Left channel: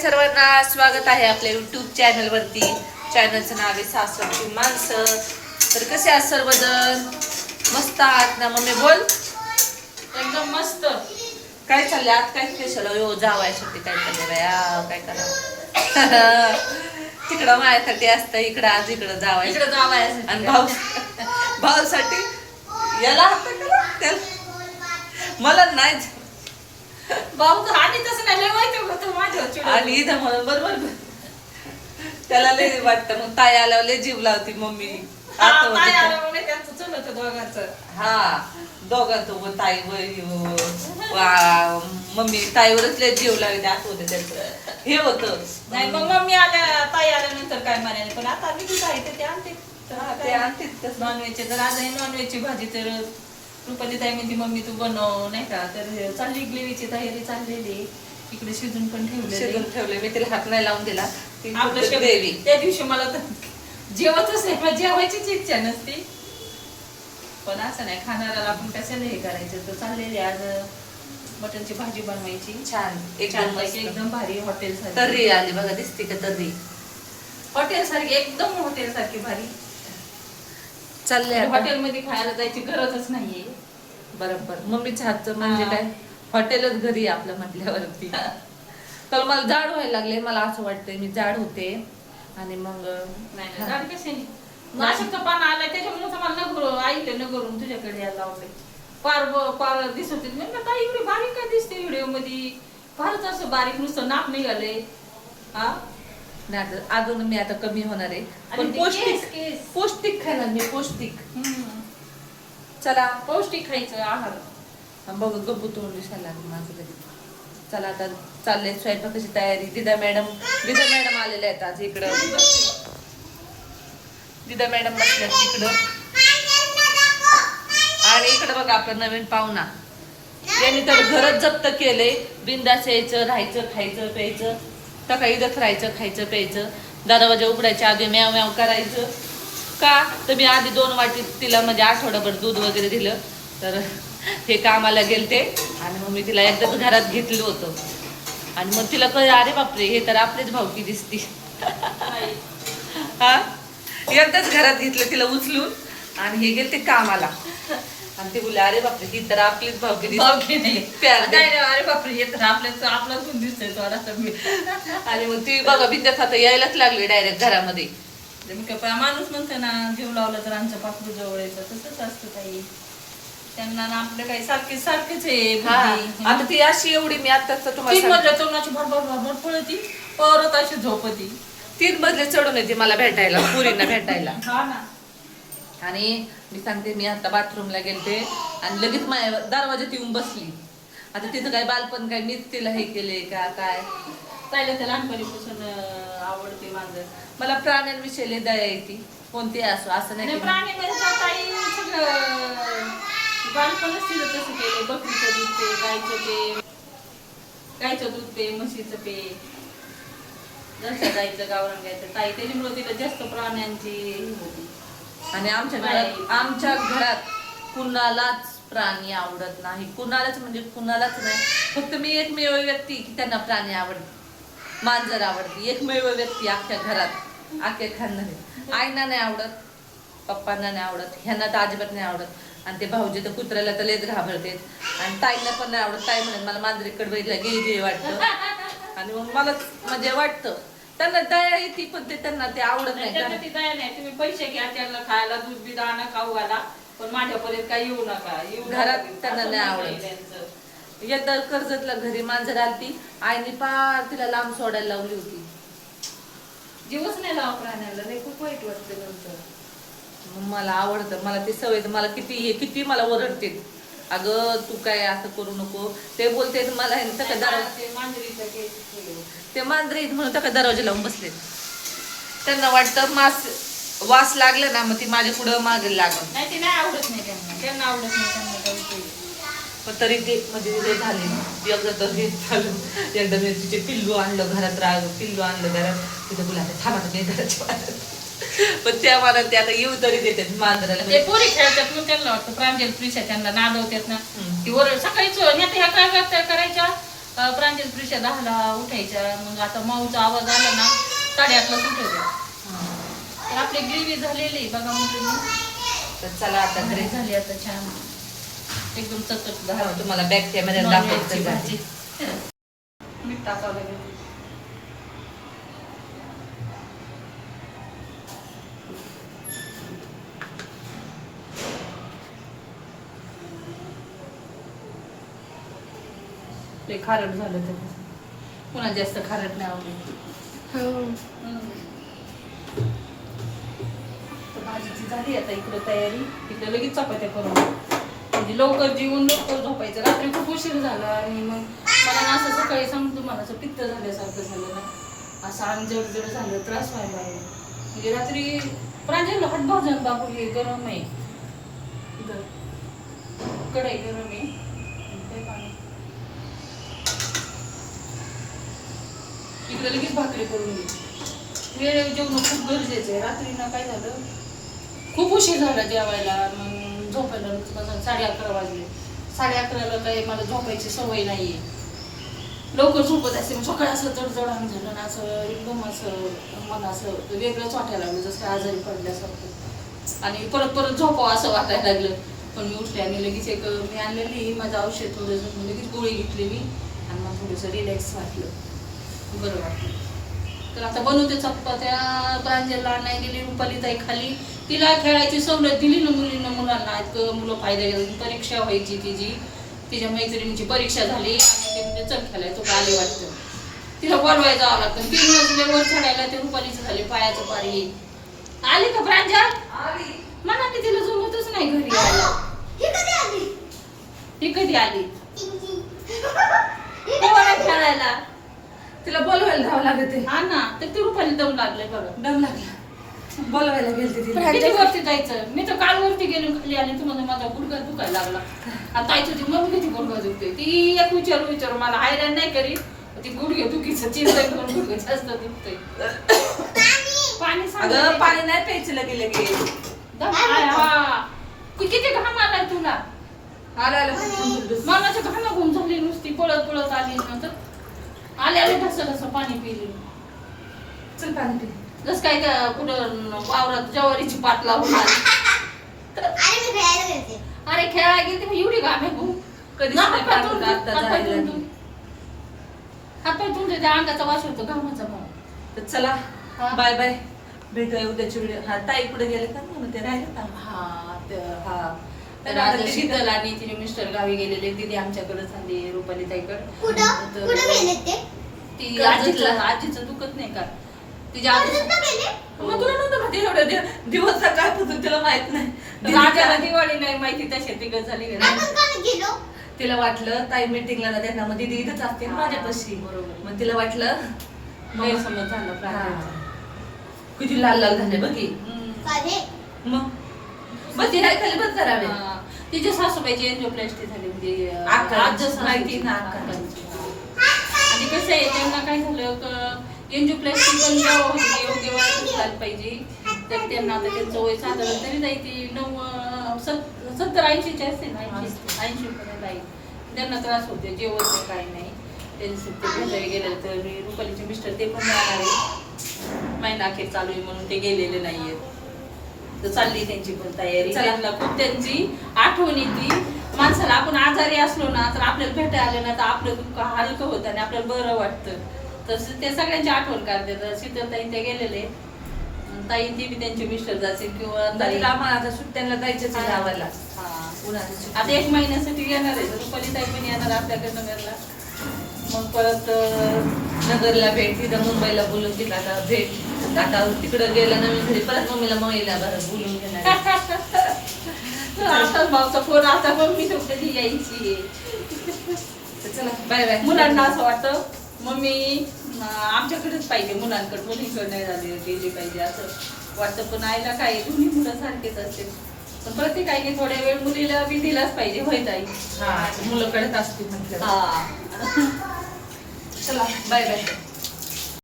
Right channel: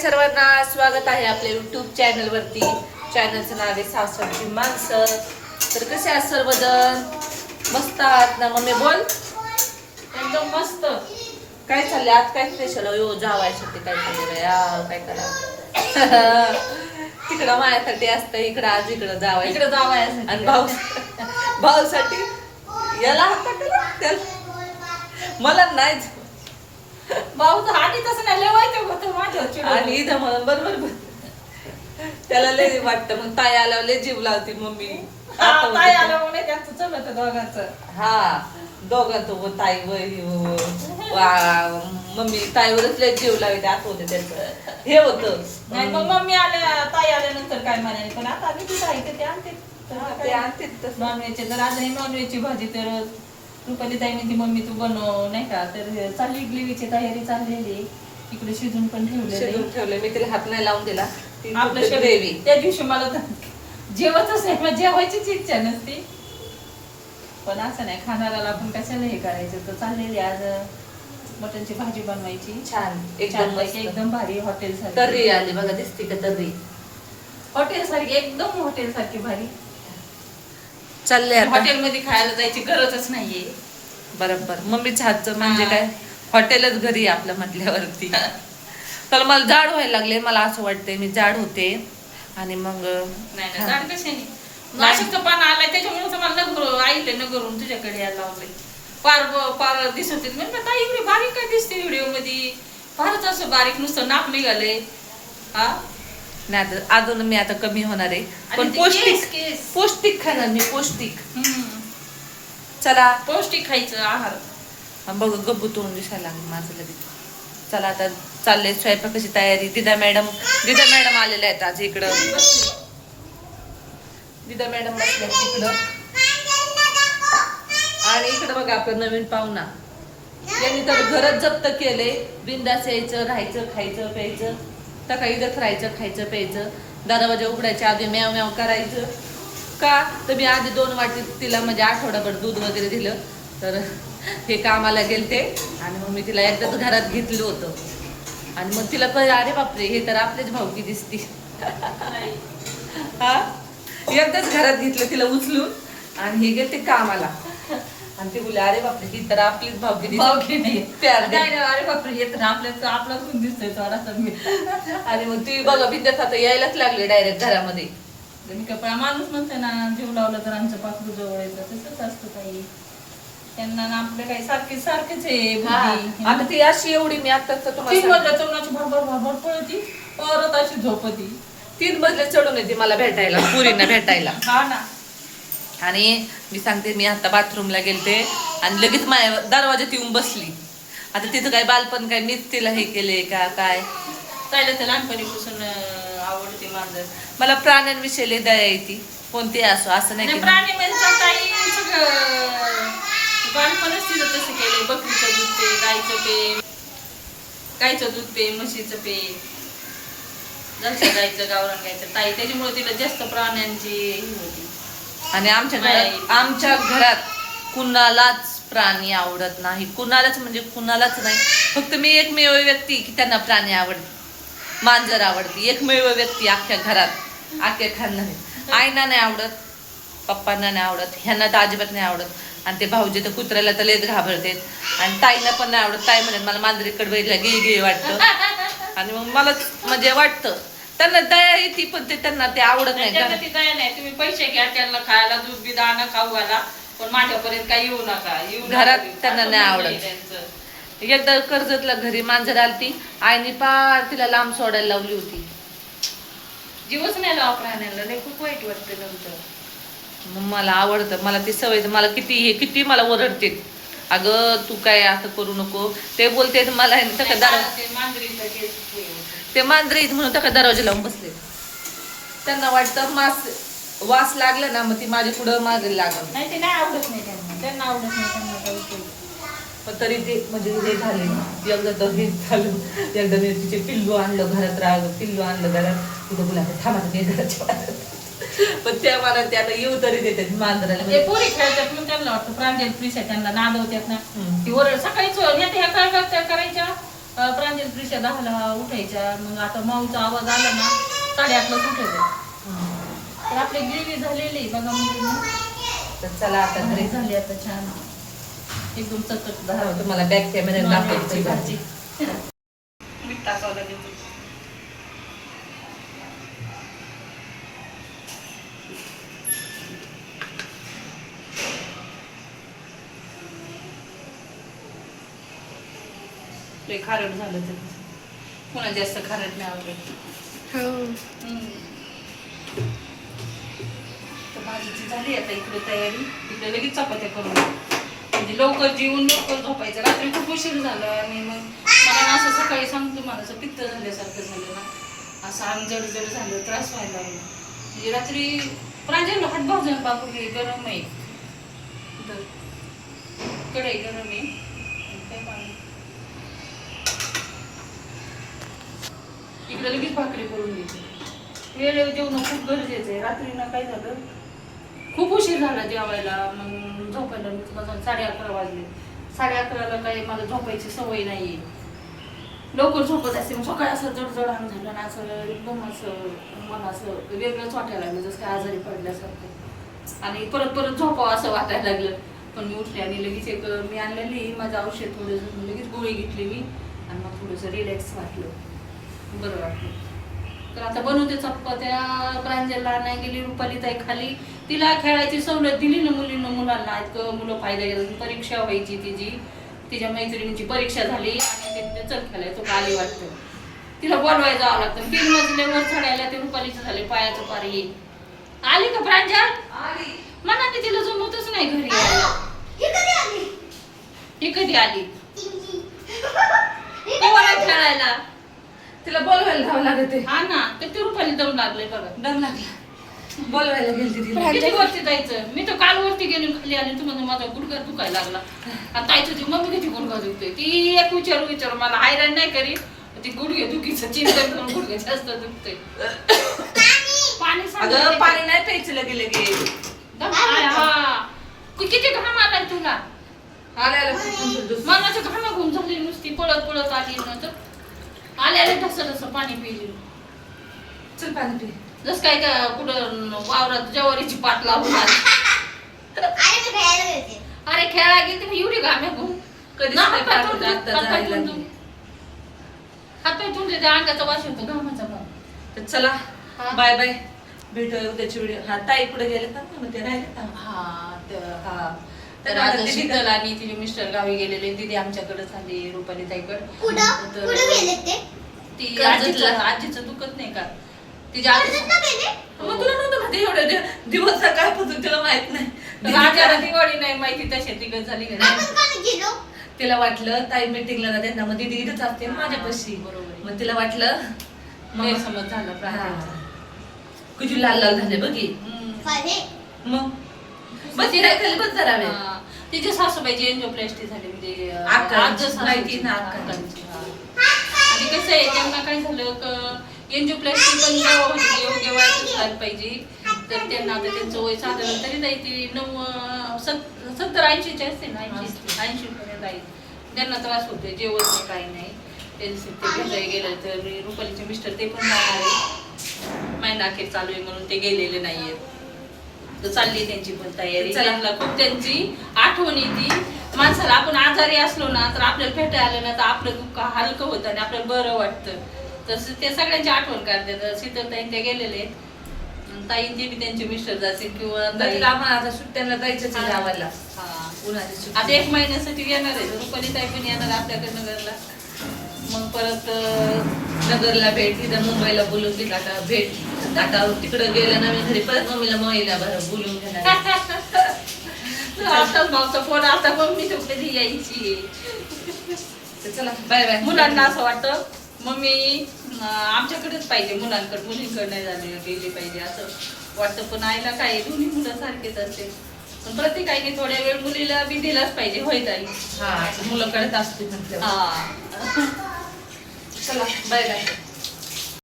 सर्वांना स्वागत आहे आपल्या युट्यूब चॅनल वरती. चॅनलचं नाव आहे सासरची माणसं. तर कसे आहात सर्वजण? मस्त आहात ना? मम्मी बोल. एकदम मस्त. काय चाललंय आज? काय स्पेशल हो जावायसाठी? काय चाललंय बाया? काय करावं? तिकडं माझ्यासाठी असतं, इकडं आज इकडं जावाय, इकडे जावायसाठी. आणि भाऊसाठी याला हात करा त्याला. मला नाही भाऊचं हाती तसं नाही, लय माहिती होतं माझ्यावर चिडून. आणि इथं म्हणून बरोबर त्याला लय वाटतं. मग ताई आल्यावर लय जीव लावती मम्मी. आता ताई आलं मग नाही त्यांचं चलत दोघांचं. हा दोघांचं ताई मम्मी ताईवरच लय जीव लावते असं होते त्यांचं. हे होतं नाही मग मम्मी आल्या ताई आल्यानंतर काय म्हणाले, पण आता मी तिथं आहे ते आणते. ते आणते नॉनव्हेजचे जर आज नॉनव्हेजची भाजी तर रुपाली ताई म्हणजे मम्मी तू बनव नाही का. तर चालली ग्रेव्हीची तयारी चाललेली. इकडे शिजून पण ठेवले. मी तिला हात नाही लावून दिला. आपलं ग्रेव्ही त्या दिवशी मला जेवतच नाही, मग जेवायचीच इच्छा नसते. पण असं नाही, खाणाऱ्याला आपण कशाला हे करायचं. तर चाललेली आज मटनची भाजी बनवायची. छान एकदम भारी हॉटेल सारखी तर्री आली बघा, दिसते का तर्री? हॉटेल सारखी एकदम हॉटेल सारखी भारी चालले. हॉटेलमध्ये खायला जायची गरजच नाहीये. बरोबर. मम्मीच्या हातचं म्हणजे काय, हॉटेलच घरी आपलं म्हटल्यावरती. तर मला जाड व्हायला लागले. मला असं वाटतंय मी जाड होते. आणि मग नाही जाड कशाने, नाशिकचं पान आलाय त्याच्यामुळे मला नगर आईले नगरून तुझ्याकडे यायला लावलंय. पार दिसत होते. म्हणजे ताई एवढी बारीक काय दिसते व्हिडिओ मध्ये? फारच असं बारीक नुसतं नाक निघालंय. हा नाही अजून मी आता कमी होणार आहे, पण पौष्टिक खाणार मी. पौष्टिक चला, पौष्टिक खायचं आहार. बघ गप्पू तोंड दिसायला लागेल माझं लगेच. चला आता चाललंय स्वयंपाकाची तयारी. दिदा मॅडम आलेल्या आहेत आज इकडं. दिदा मॅडम बसल्या तिकडं. आणि इकडं बघा आपलं नवीन पाहुणा. त्यांनी तर घरच जप्त केलंय. बिंदास यायचं, राहायचं, खायचं प्यायचं. तर इथंच राहायचं, खायचं प्यायचं. दरवाजा उघडायच्या आधी म्याव म्याव करायचं. का तर मी आधी 2 वाटी तिला म्हणजे आठवडाभर दूध वगैरे दिलं. तर हे कामाला गेलते आणि मग मी तिला एकदाच घरात घेतलं होतं. आणि मग तिला कळलं, अरे बापरे हे तर आपलेच भावकी दिसती. हा एकदाच घरात घेतलं तिला उचलून आणि हे गेलते कामाला. आणि ते बोलले, अरे बापरे ही तर आपलीच भावकी दिसते. अरे बापरे हे तर आपला कोण दिसतोय थोडासा मी. आणि मग ती बघा विद्यार्थी आता यायलाच लागली डायरेक्ट घरामध्ये. मी काय माणूस म्हणते ना, जीव लावला तर आमचं पाखरू जवळायचं. तसंच असतं ताई. त्यांना ना आपलं काही सारखेच आहे. आता ती अशी एवढी मी आता तुम्हाला तोंडाची भरभर पळती, परत अशी झोपती. 3 मजले चढून येते मला भेटायला, पुरींना भेटायला. हा ना. आणि मी सांगते, मी आता बाथरूमला गेलते आणि लगेच माझ्या दरवाजात येऊन बसली. आता तिथं काय बालपण काय मीच तिला हे केले का काय? ताईला तर लहानपणीपासून आवडते मांजर. मला प्राण्यांविषयी लय दया येते, कोणते असो. असं नाही प्राणी म्हणजे ताई सगळं बालपणच तिचं तसं केलंय. बकरीचं दूध पे, गाईचं दूध पे, म्हशीचं पे, जलशा गायचं, गावरान गायचं ताई. त्याच्यामुळे तिला जास्त प्राण्यांची ही होती. आणि आमच्या घरात कुणालाच प्राणी आवडत नाही. कुणालाच म्हणजे कुणालाच नाही. फक्त मी एकमेव व्यक्ती की त्यांना प्राणी आवडते, मांजर आवडते. एकमेव व्यक्ती अख्ख्या घरात, अख्ख्या खानदारी. आईना नाही आवडत, पप्पांना नाही आवडत, ह्यांना तर अजिबात नाही आवडत. आणि ते भाऊजी तर कुत्र्याला तर लेच घाबरते. आणि ताईला पण नाही आवडत. ताई म्हणत मला मांजरीकडे बघितला गे वाटतं. आणि मग मला म्हणजे वाटतं त्यांना दया येते, पण ते त्यांना ते आवडत नाही. ती दया नाही. तुम्ही पैसे घ्या त्यांना खायला, दूध बी दाणा खाऊ घाला, पण माझ्यापर्यंत काही येऊ नका. घरात त्यांना नाही आवडत. एकदा कर्जतला घरी मांजर आलती. आईने पार तिला लांब सोडायला लावली होती. जीवच नाही लावा प्राण्याला. लय खूप वाईट वाटतं नंतर. मला आवडतं, मला ती सवय. मला किती मला ओरडते, अगं तू काय असं करू नको. ते बोलते मला ते मांजरीत म्हणून त्या दरवाजा लावून बसले. त्यांना वाटतं वास लागला ना मग ती माझ्या पुढं मागे लागल. नाही ते नाही आवडत नाही त्यांना आवडत नाही त्यांना काही. पण तरी ते म्हणजे हे झाले. एकदा तर हे झालं. एकदा मी तिचे पिल्लू आणलं घरात, पिल्लू आणलं घरात. तिथे बोलायचं थांबा तुम्ही घराच्या. पण त्या मला ते आता येऊ तरी देतात मांजराला. पोरी खेळतात त्यांना वाटतं प्रांजल प्रिस त्यांना नादवतात ना. ती ओरड सकाळीच ह्या काय करायच्या प्रांजल प्रिशा 10ला उठायच्या, मग आता माऊचा आवाज आला ना 8:30लाच उठायच्या. तर आपली ग्रेव्ही झालेली आहे बघा मुलींना. तर चला आता घरी झाली आता छान एकदम चटक तुम्हाला बॅक कॅमेरा दाखवते भाजी. मीठ टाकावं लागेल. ते खारट झालं तर पुन्हा जास्त खारट नाही आवडत. तर भाजीची झाली आता इकडे तयारी. इकडे लगेच चपात्या करून म्हणजे लवकर जेवून लवकर झोपायचं. रात्री खूप उशीर झाला आणि मग मला ना असं सकाळी सांगतो मला असं पित्त झाल्यासारखं झालं ना, असं अंग जड जड झालं, त्रास व्हायला लागला. म्हणजे रात्री प्रांजलला हट भाजून बाबू हे गरम आहे, कढई गरम आहे. काय पाणी इकडे लगेच भाकरी करून घ्यायची. वेळेवर जेवण खूप गरजेचं आहे. रात्री ना काय झालं, खूप उशीर झाला जेवायला, मग झोपायला 11:30 वाजले. 11:30ला काही मला झोपायची सवय नाहीये, लवकर झोपत असते. मग सकाळी असं जडजड अंग झालं ना, असं एकदम असं मला असं वेगळंच वाटायला लागलं, जसं आजारी पडल्यासारखं. आणि परत परत झोपावं असं वाटायला लागलं. पण मी उठले आणि लगेच एक मी आणलेली माझं औषध थोडंसं लगेच गोळी घेतली मी आणि मग थोडंसं रिलॅक्स वाटलं, बरं वाटलं. तर आता बनवते चपात्या. प्रांजलला नाही गेली रुपाली ताई खाली, तिला खेळायची सवलत दिली ना मुलांना. इतकं मुलं फायदा घेतात. परीक्षा व्हायची तिची, तिच्या मैत्रिणीची परीक्षा झाली आणि ते म्हणजे चल खेळायला तो आली वाटतं. तिला बोलवायला जावं लागतं. 3 मजल्यावर चढायला ते रुपालीचं झाले पायाचं पार हे. आली का प्रांजल? म्हणा की तिला जमतच नाही घरी यायला. ही कधी आली खेळायला? तिला बोलवायला जावं लागत आहे. हा ना, तर ती रुपाली दम लागले बघा. दम लागला, बोलवायला गेलती तिला. किती वरती जायचं? मी तर काल वरती गेली खाली आली, तुम्हाला माझा गुडघा दुखायला लागला. आता ताईच होती मम्मी किती गुडघा दुखतोय. ती एक विचार मला हैराण नाही करी, ती गुडघे दुखीचं चिंता करून गुडघे जास्त दुखतोय. अगं पाणी नाही प्यायचं लगे लगे. किती घाम आलाय तुला? आल्याला मला घाम घुम झाली नुसती, पळत पळत आली नंतर आल्याला ढसं पाणी पिली. चल पाणी पी. जस काय का कुठं वावरात ज्वारीची पाट लावून आली. अरे खेळा गेली तुम्ही एवढी घामे घुम कधी हातपाय तुमच्या त्या अंगाचा वास होतो घामाचा. तर चला बाय बाय, भेटूया उद्याच्या व्हिडिओ. हा ताई कुठे गेले का मग ते राहिले का? हा तर आता शीतल आणि तिने मिस्टर गावी गेलेले. दिदी आमच्याकडे झाली रुपाली ताईकडे. ती आजीचं दुखत नाही का तिच्या आजी? मग तुला नव्हतं माहिती एवढं दिवस सकाळपासून तुला माहित नाही. राजाला दिवाळी नाही माहिती, तशी तिघत झाली. तिला वाटलं ताई मीटिंगला जाते ना, मग दीदी इथेच असते माझ्यापाशी. बरोबर. मग तिला वाटलं मग समज झालं प्रांजलचं. किती लाल लाल झाले बघी. मग बस तिला खाली बस करावे. तिच्या सासूबाईची एन्जिओप्लास्टी झाली म्हणजे माहिती ना. आणि कसं आहे त्यांना काय झालं, एन्जिओप्लास्टी पण योग्य वयातच झाली पाहिजे. तर त्यांना आता त्यांचं वय साधारण तरी नाही ती 70-80ची असते ना, 80 पर्यंत आहे. त्यांना त्रास होते, जेवत नाही काही नाही. त्यांचे ते भेटायला गेले तर रुपालीचे मिस्टर ते पण जाणार आहे. महिना अखेर चालू आहे म्हणून ते गेलेले नाहीये. तर चालली त्यांची पण तयारी. त्यांना खूप त्यांची आठवण येते माणसाला. आपण आजारी असलो ना तर आपल्याला भेटायला आले ना तर आपलं दुःख हलकं होतं आणि आपल्याला बरं वाटतं. तसं ते सगळ्यांची आठवण काढतात. शीतलताई ते गेलेले, ताई ती त्यांचे मिस्टर जातील किंवा आता सुट्ट्यांना जायचं गावाला. आता 1 महिन्यासाठी येणार आहे. रुपाली ताई पण येणार आपल्याकडे नगरला. मग परत नगरला भेट, तिथं मुंबईला बोलून घेत. आता भेट आता तिकडं गेलं नवीन घरी परत मम्मीला महिला बरं बोलून घेणार. आताच भाऊचा फोन आता मम्मी तो कधी यायची. चला बाय बाय. मुलांना असं वाटतं मम्मी आमच्याकडेच पाहिजे, मुलांकडे मुलींकडे नाही झाले गेले पाहिजे असं वाटतं. पण आईला काय दोन्ही मुलं सारखेच असते. पण प्रत्येक आईने थोड्या वेळ मुलीला बी दिलाच पाहिजे. होय ताई? हा मुलं कळत असते. हा चला बाय बाय.